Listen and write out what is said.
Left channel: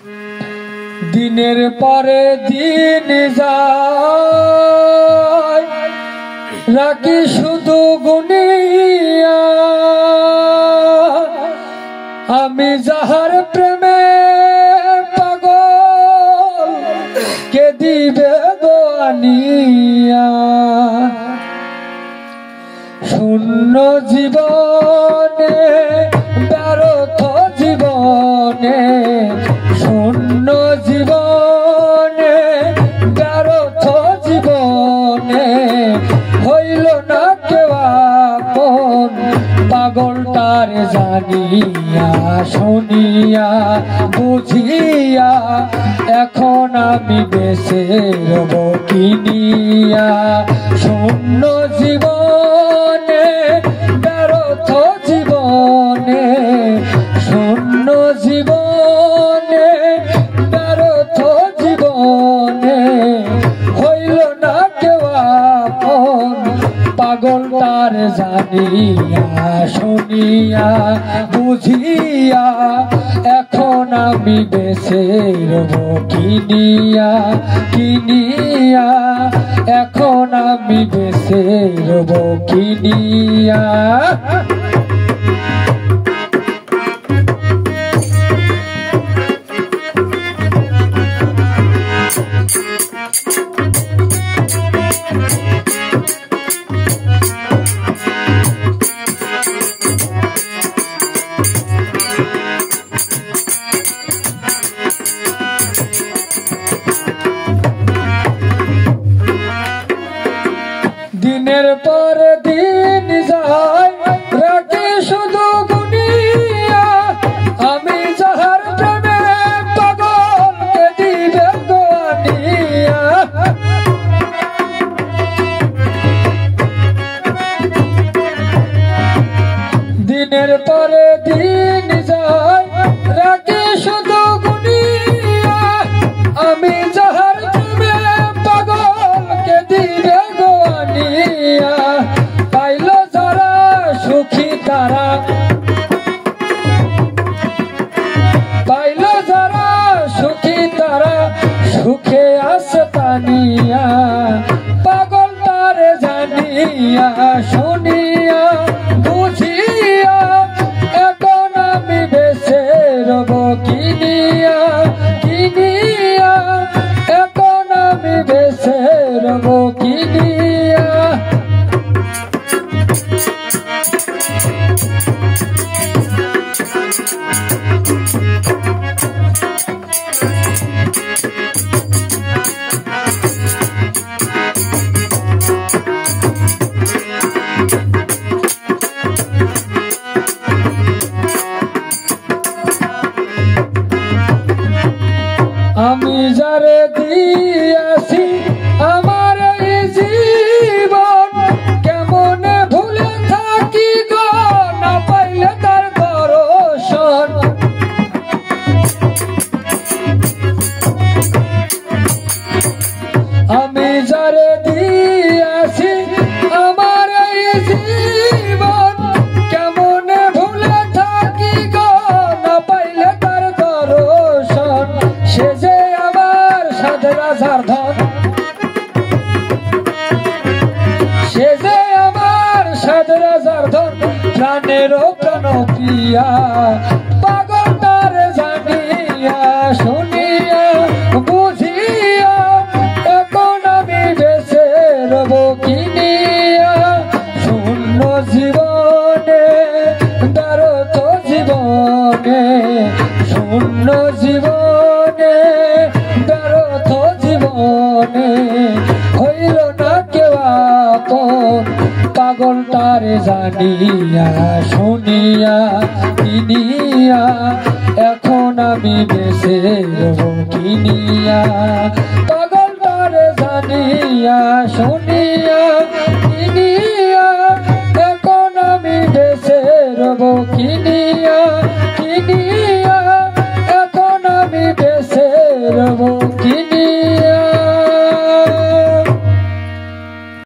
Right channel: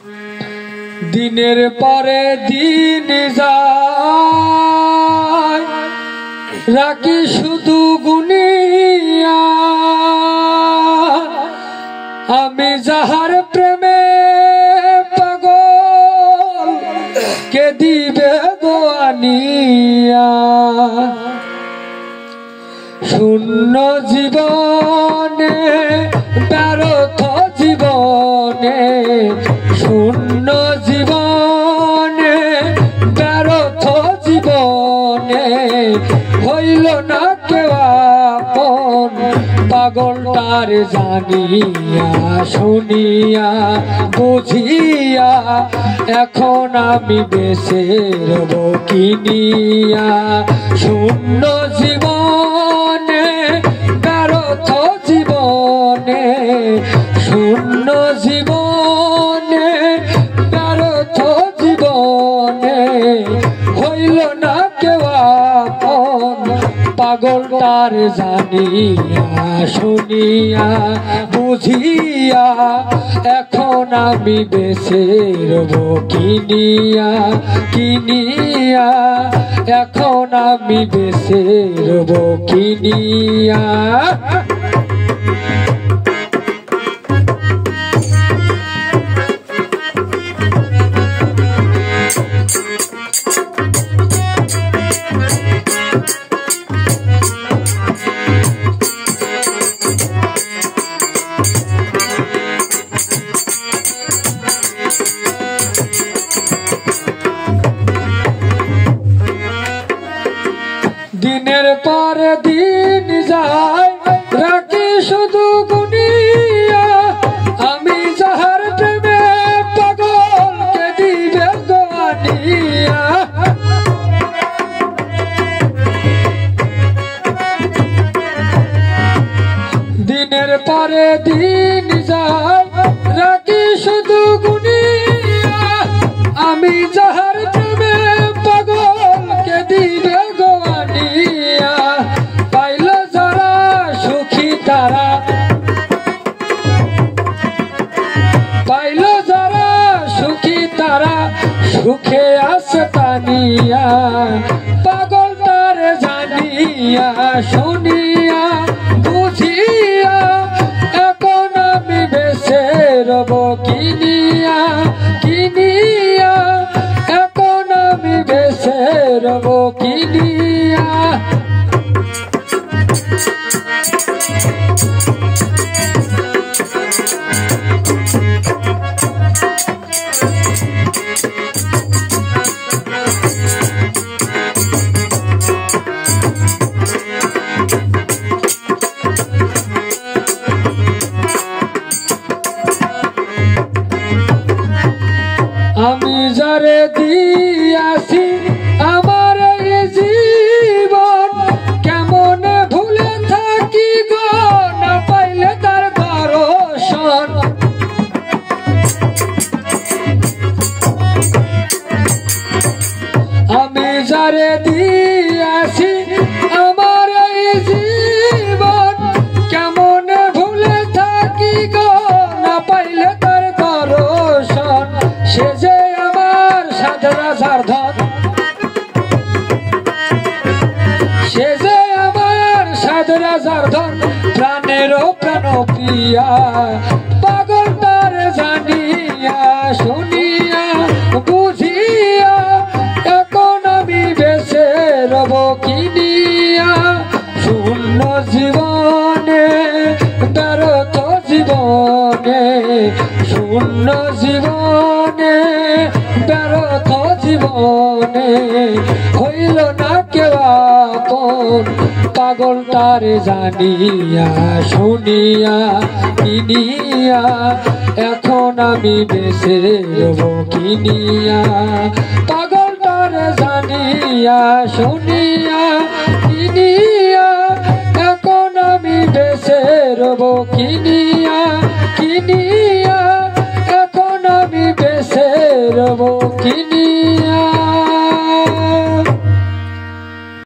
দিনের পরে দিন যায় রাখি শুধু গুনিয়া আমি যাহার প্রেমে পাগল কে দিবে দোয়ানিয়া শূন্য জীবনে ব্যর্থ জীবনে শূন্য জীবনে ব্যর্থ জীবনে হইল না কেউ আপন পাগলটার জানিয়া শুনিয়া বুঝিয়া এখন আমি বেঁচে রব কিনিয়া শূন্য জীবনে ব্যর্থ জীবনে শূন্য জীবনে ব্যর্থ জীবনে হইল না কেউ আপন পাগলটার জানিয়া শুনিয়া বুঝিয়া এখন আমি বেঁচে রব কিনিয়া কিনিয়া এখন আমি বেঁচে রব কিনিয়া দিনের পর দিন যায় রাখি শুধু গুনিয়া আমি যাহার প্রেমে পাগল কে দিবে দোয়ানিয়া দিনের পরে দিন যায় রাখি শুধু গুনিয়া আমি যাহার প্রেমে পাগল কে দিবে পাইল যারা সুখী তারা পাইল যারা সুখী তারা সুখে আছে তানিয়া পাগলটার জানিয়া শুনিয়া বুঝিয়া এখন আমি বেঁচে রব কিনিয়া কিনিয়া এখন আমি বেঁচে রব কিনিয়া আমি যারে দিয়াছি আমার এই জীবন কেমনে ভুলে থাকি গো না পাইলে তার দর্শন আমি যারে দিয়াছি আমার এই জীবন কেমনে ভুলে থাকি গো না পাইলে তার দর্শন সে যে আমার সাধরা সাধন সে যে আমার সাধরা সাধন প্রাণেরও প্রাণ প্রিয়া পাগলটার জানিয়া শুনিয়া বুঝিয়া এখন আমি বেঁচে রব কিনিয়া শূন্য জীবনে ব্যর্থ জীবনে শূন্য জীবনে ব্যর্থ জীবনে হইল না কেউ আপন পাগলটার জানিয়া শুনিয়া কিনিয়া এখন আমি বেঁচে রব কিনিয়া পাগলটার জানিয়া শুনিয়া কিনিয়া